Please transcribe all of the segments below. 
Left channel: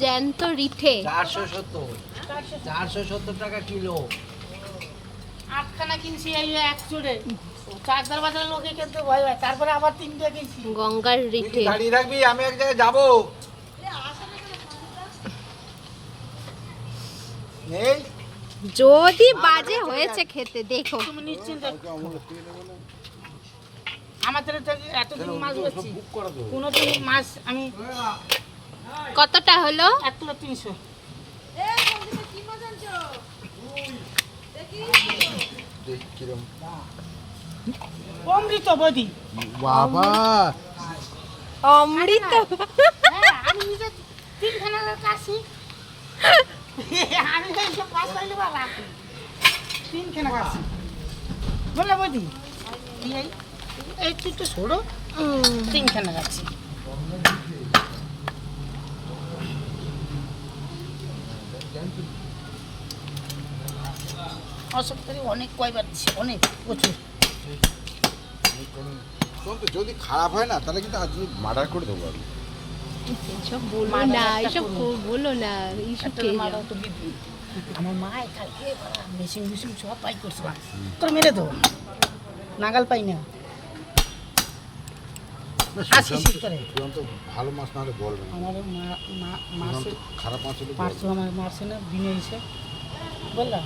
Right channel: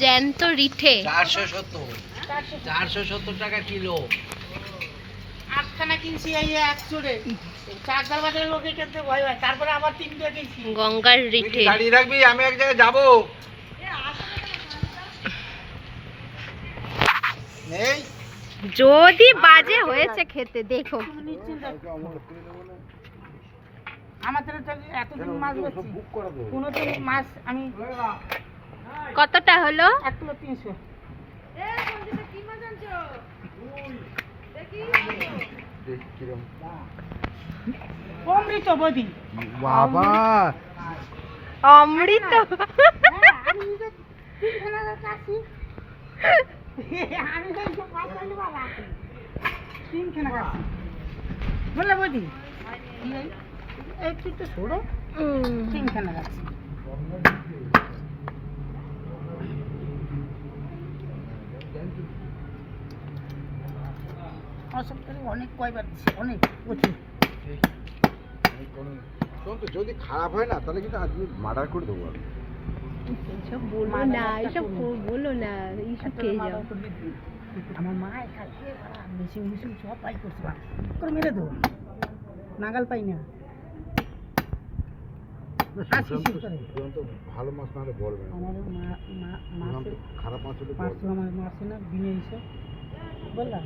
জ্যান্ত রিঠে চারশো সত্তর চারশো সত্তর টাকা কিলো আটখানা কিনছি এই এক চাকদার বাজারের লোকে কিনতে ভয় হয় তারপরে আবার তিনটে কিনছি গঙ্গার রিঠে দাঁড়িয়ে রাখবি আমি এক জায়গায় যাব নেই যদি বাজে হয়েছে খেতে দেখো তুমি নিশ্চিন্ত আমাদের এতদিন মাছ বেচছি কোনো মাছ আমি কতটা হলো? এক কিলো তিনশো। অমৃত বদি। বাবা। অমৃত? হ্যাঁ, আমি নিজে তিনখানা কাশি আমি তো এইসব কাজ পাইলে তিনখানা কাশি বললে বদি এই তুই একটু ছোড়ো তিনখানা কাশি অসুবিধা অনেক কয়বার অনেক প্রচুর যদি খারাপ হয় না তাহলে কিন্তু আজ মার্ডার করে দেবো আমি। এসব বলো না এসব বলো না এইসব খেয়ে যাও আমার মা কালকে মেশিন মেশিন সব পাই করছে তোর মেরে দেবো নাগাল পাই না। আশি শীত করে ভালো মাছ না হলে বলবে না। আমার মা- মা- মাসে সুশান্ত খারাপ মাছ। পাঁচশো আমার মাসে না বিনে এসে বললাম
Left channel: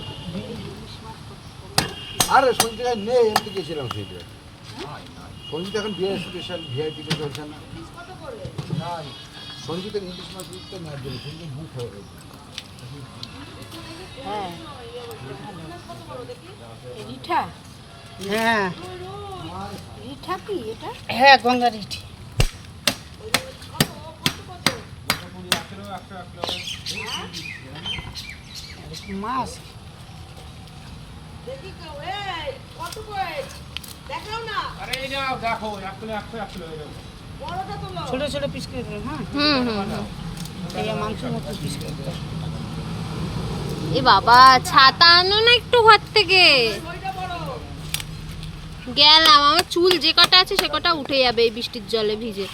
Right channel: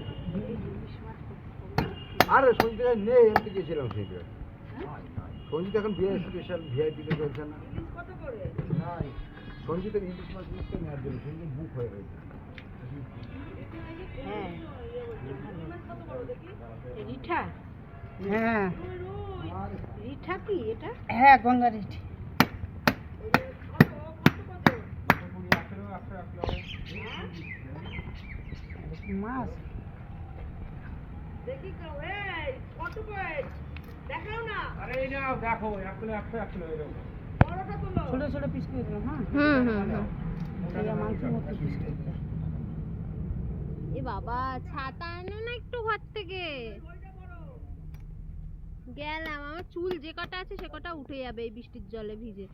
আরে সঞ্জিতা নেই তো গেছিলাম সেইটা সঞ্জিত এখন বিয়ে স্পেশাল ভিআইপি তে চলছে না। সঞ্জিতের ইলিশ মাছ সঞ্জিত বুক হয়ে হ্যাঁ। হ্যাঁ। রিঠা কি এটা? হ্যাঁ গঙ্গা রিঠি মাছ। ছোট ছোট পিস করে দিলাম হ্যাঁ? হুম হুম হুম। এই মাংস মতো পিস করে এ বাবা ছাতা আনো না একটু ঘর থেকে? গেলাম আমার চুল যে কটা আছে সে কটা উঠে যাবে এই বৃষ্টির জলে ভিজে।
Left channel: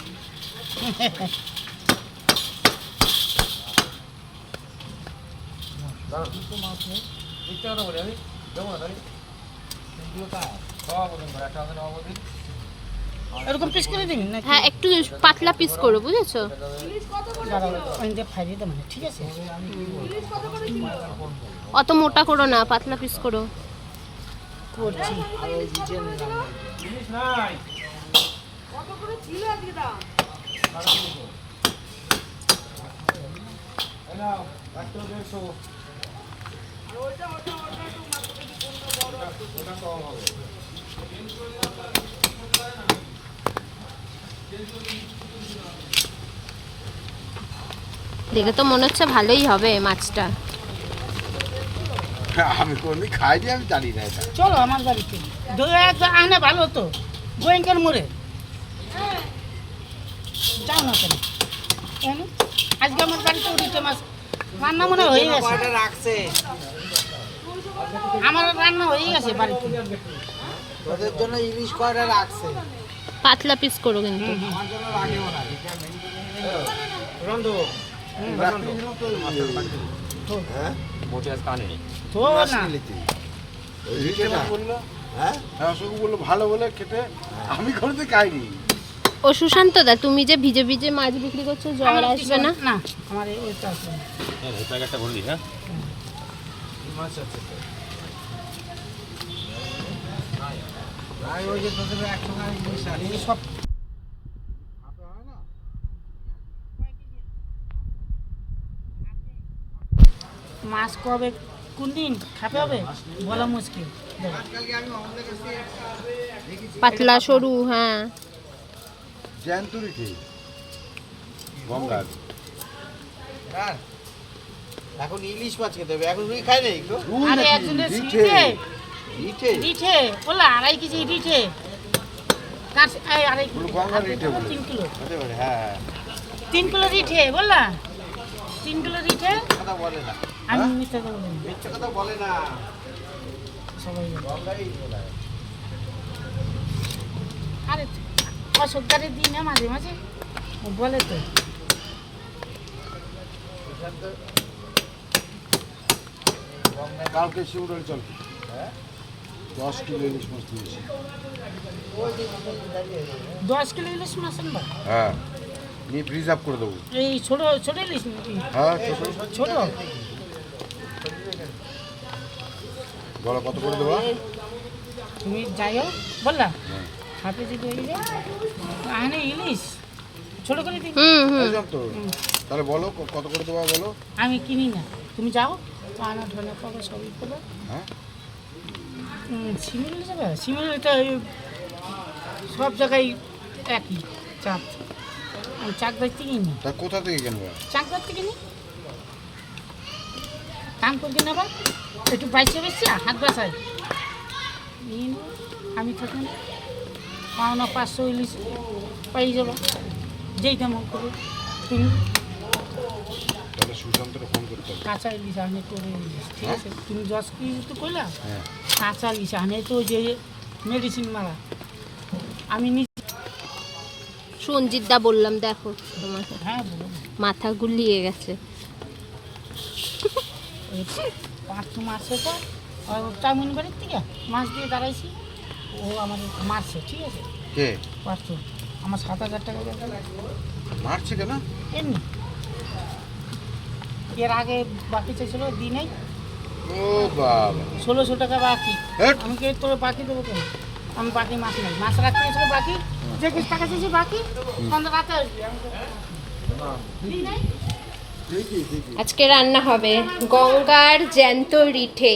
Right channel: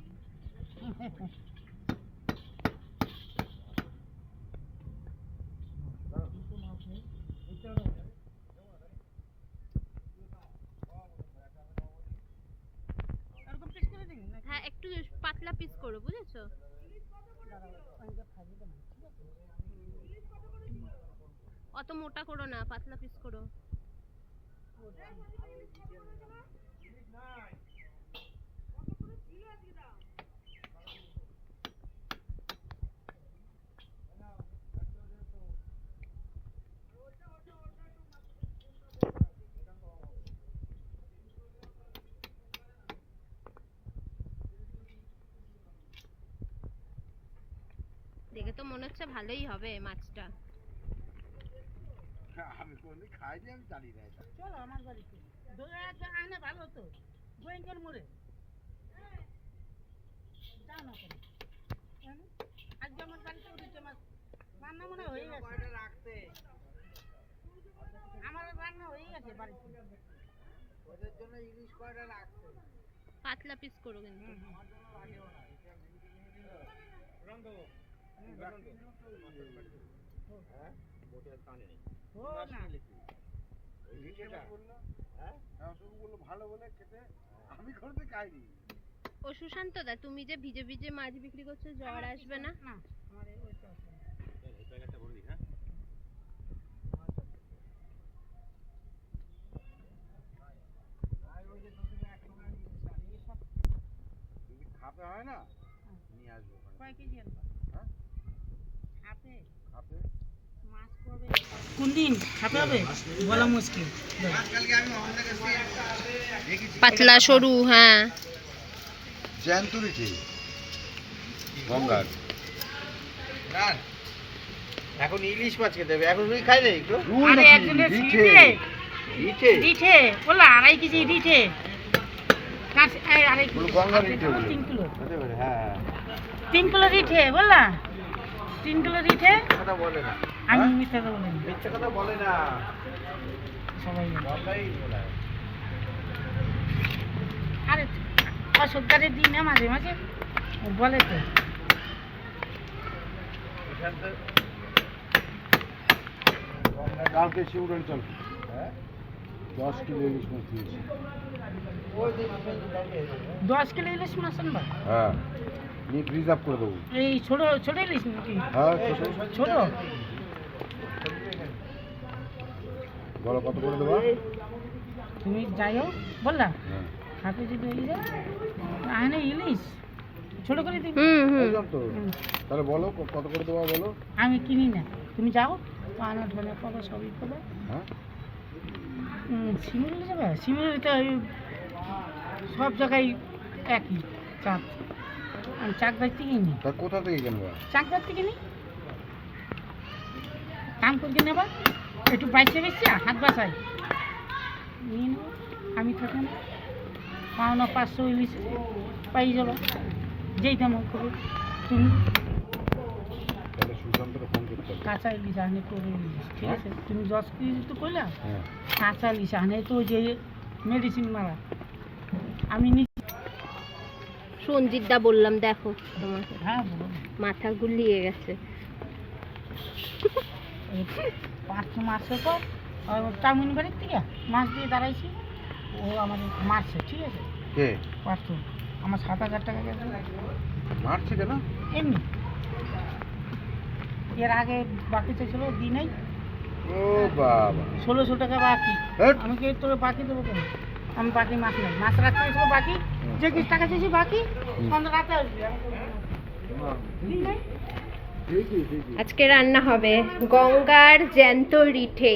এরকম পিস করে দিন না হ্যাঁ একটু পাতলা পিস করো বুঝেছ? ঠিক আছে অত মোটা করো না পাতলা পিস করো। করছি। দেখে তো মনে হচ্ছে ভালোই হবে মাছটা। আমি কোনদিন খাইনি আমি জানি না এটা। চলো আমার বাড়িতে। দই এক আনে ভালো তো। গোয়েঙ্কার মোড়ে। যাও না কেন? কেন? আজকে আমার বাড়িতে উঠেছে মাছ। রান্না মনে হয়ে গেছে। রাখছে। আমার রান্না হয়ে গেছে বাড়িতে। তোদের জন্য ইলিশ কয়টা রাখছে? পাতলা পিস করো কিন্তু। আমার জন্য রন্ধু হ্যাঁ তো না। হ্যাঁ? অশোক বলল ভালো বলে খেতে। আমি কোনোদিন খাইনি। ও সুশান্ত দা তুমি যে ভিজে ভিজে মাছ বিক্রি করছ জ্বর আসবে না? না আমার এই- ওইটা আসবে না। মাছ আছে ওই যে তোদের একসঙ্গে আমি ইলিশ আনি। এই সব খাপে হয় না মাছ কবে কোন দিন? খাতে হবে? বলা মুশকিল। পাতলা সরু হ্যাঁ। গঙ্গার। এখন ইলিশ মাছ খেতে হবে। এখন রুই খাই নাই আরে একজনের রিঠে বললা আড়াই কেজি রিঠে আড়াই রিঠে তিন কিলো। হতে হ্যাঁ তিন কিলো রিঠে বললা? তিন কিলো রিঠে কথা বলে না। আমি মিথ্যা কথা বলিনি। মিথ্যে কথা বলে না। সবাই বলে আরে অসুবিধারে দিই না মাঝে মাঝে। ও বলে তো। কালকে শিউরাল চল দশ কিলো ইলিশ মাছ দিয়েছি। দশ কিলো ইলিশ মাছ আনবা? হ্যাঁ। নিয়ে রিজার্ভ করে দেবো। এই ছোট ছোট ইলিশ হ্যাঁ ছোট। ছোট? বলো কত করে দেবো? তুমি যাই হোক বললা হ্যাঁ হাতে যদি হয়ে যায় আনে ইলিশ। ছোট করে হুম বুঝলাম তো। তাহলে বলো কত করে দেবো বলো? আমি কিনি না। তুমি যাও আমার ধনে পাবো সবই পাবো হ্যাঁ? সিমেন্ট যাবে? সিমেন্টটা সব জায়গায় একই চাঁদ। আমি চাকদার থেকে নিই তা কোথা থেকে কিনবো? চাকদার থেকে নিই কাম করতে নেবা? একটু বাইচে বেশি হাত নেব আমি তখন পাওনা পাঁচশো ইলিশ পাই যাবা। যেই তেমন করে। তুমি তাহলে সুশান্তকে ফোন করতে হবে। কাঁচা ইলিশ আনে করে ঠিক আছে? তুমি দশ কেজি তো কইলা? হ্যাঁ। কাঁচা ইলিশ আনে তো যে মেডিসিন মারা। আমি সঞ্জিত দা বললাম দেখো তোমাকে। হ্যাঁ মাথা গুলিয়ে গেছে। পাঁচশো মারছে তো চাউমিন বাড়ির থেকে মাছ দিয়ে দাঁড়াইছি। ও আমার মারছে ঠিক আছে? কে? পাঁচশো আমার সাত হাজার টাকা গেছে। মারছে কেন? এমনি। এর আগে বাকি চাইছিল দিই নাই ও বাবা। ষোলোশো টাকা বাকি। আমি কে তোর বাকি দেবো কেন? আমি বাকি মাছ নাই। মাছ রাখতে গেছিল বাকি। যে টাকা চেয়েছি বাকি রাতে আসবে। দিই নাই আজকে রান্না হবে গঙ্গার জ্যান্ত রিঠে।